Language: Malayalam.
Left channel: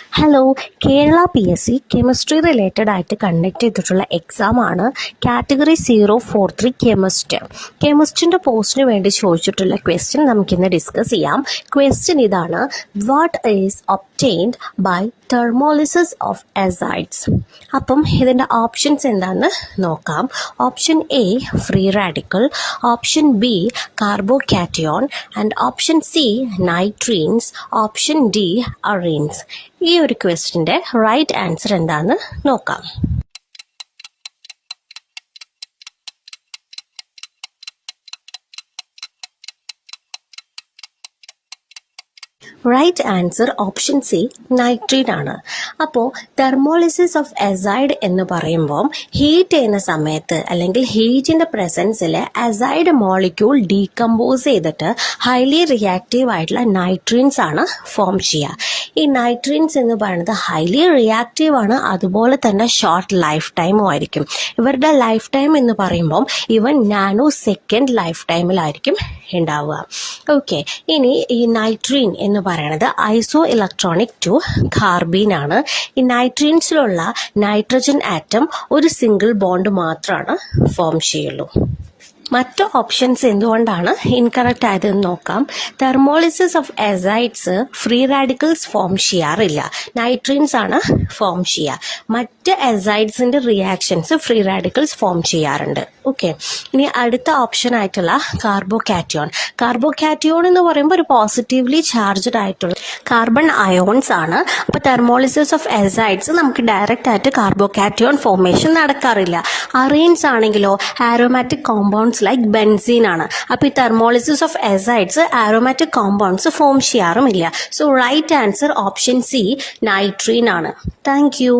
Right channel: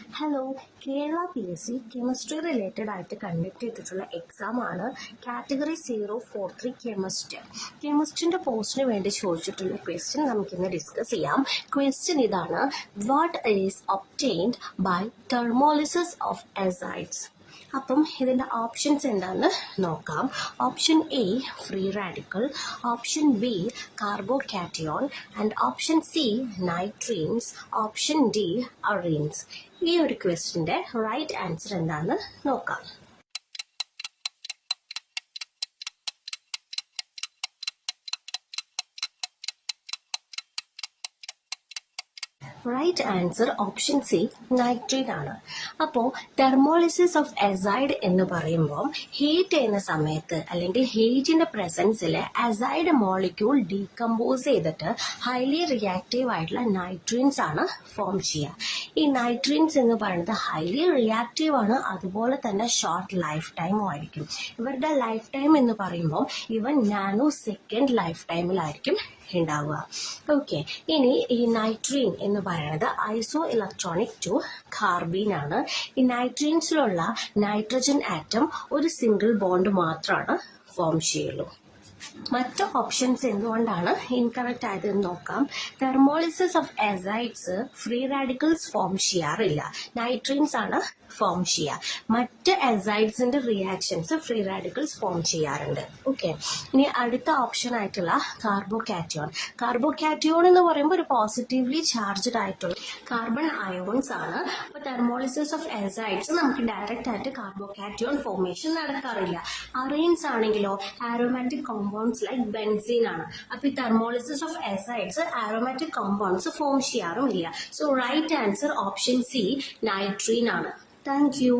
Hello, Kerala PSC chemistry related ആയിട്ട് കണ്ടക്ട് ചെയ്തിട്ടുള്ള എക്സാമാണ് കാറ്റഗറി 043 കെമിസ്ട്രിൻ്റെ പോസ്റ്റിന് വേണ്ടി ചോദിച്ചിട്ടുള്ള ക്വസ്റ്റ്യൻ നമുക്കിന്ന് ഡിസ്കസ് ചെയ്യാം. ക്വസ്റ്റ്യൻ ഇതാണ്: what is obtained by thermolysis of azides? അപ്പം ഇതിൻ്റെ ഓപ്ഷൻസ് എന്താണെന്ന് നോക്കാം. Option A free radical, option B carbocation and option C nitrenes, option D arenes. ഈ ഒരു ക്വസ്റ്റിൻ്റെ റൈറ്റ് ആൻസർ എന്താണെന്ന് നോക്കാം. Right answer option C nitrene ആണ്. അപ്പോൾ തെർമോളിസിസ് ഓഫ് അസൈഡ് എന്ന് പറയുമ്പോൾ ഹീറ്റ് ചെയ്യുന്ന സമയത്ത് അല്ലെങ്കിൽ ഹീറ്റിൻ്റെ പ്രസൻസിൽ അസൈഡ് മോളിക്യൂൾ ഡീകമ്പോസ് ചെയ്തിട്ട് ഹൈലി റിയാക്റ്റീവ് ആയിട്ടുള്ള നൈട്രീൻസ് ആണ് ഫോം ചെയ്യുക. ഈ നൈട്രീൻസ് എന്ന് പറയുന്നത് ഹൈലി റിയാക്റ്റീവ് ആണ്, അതുപോലെ തന്നെ ഷോർട്ട് ലൈഫ് ടൈമും ആയിരിക്കും. ഇവരുടെ ലൈഫ് ടൈം എന്ന് പറയുമ്പം ഇവൻ നാനോ സെക്കൻഡ് ലൈഫ് ടൈമിലായിരിക്കും ഉണ്ടാവുക. ഓക്കെ, ഇനി ഈ നൈട്രീൻ എന്ന് പറയുന്നത് ഐസോ ഇലക്ട്രോണിക് ടു കാർബീൻ ആണ്. ഈ നൈട്രീൻസിലുള്ള നൈട്രജൻ ആറ്റം ഒരു സിംഗിൾ ബോണ്ട് മാത്രമാണ് ഫോം ചെയ്യുള്ളൂ. മറ്റ് ഓപ്ഷൻസ് എന്തുകൊണ്ടാണ് ഇൻകറക്റ്റ് ആയതെന്ന് നോക്കാം. Thermolysis of azides free radicals form ചെയ്യാറില്ല, നൈട്രീൻസ് ആണ് ഫോം ചെയ്യുക. മറ്റ് അസൈഡ്സിന്റെ റിയാക്ഷൻസ് ഫ്രീ റാഡിക്കൽസ് ഫോം ചെയ്യാറുണ്ട്. ഓക്കെ, ഇനി അടുത്ത ഓപ്ഷൻ ആയിട്ടുള്ള കാർബോകാറ്റയോൺ. കാർബോകാറ്റയോൺ എന്ന് പറയുമ്പോൾ ഒരു പോസിറ്റീവ്ലി ചാർജ്ഡ് ആയിട്ടുള്ള കാർബൺ അയോൺസ് ആണ്. അപ്പോൾ തെർമോളിസിസ് ഓഫ് അസൈഡ്സ് നമുക്ക് ഡയറക്റ്റ് ആയിട്ട് കാർബോകാറ്റയോൺ ഫോർമേഷൻ നടക്കാറില്ല. അറീൻസ് ആണെങ്കിലോ ആരോമാറ്റിക് കോമ്പൗണ്ട്സ് ലൈക്ക് ബെൻസീൻ ആണ്. അപ്പോൾ ഈ thermolysis of azides aromatic compounds form ചെയ്യാറുമില്ല. So right answer option C nitrene ആണ്. Thank U.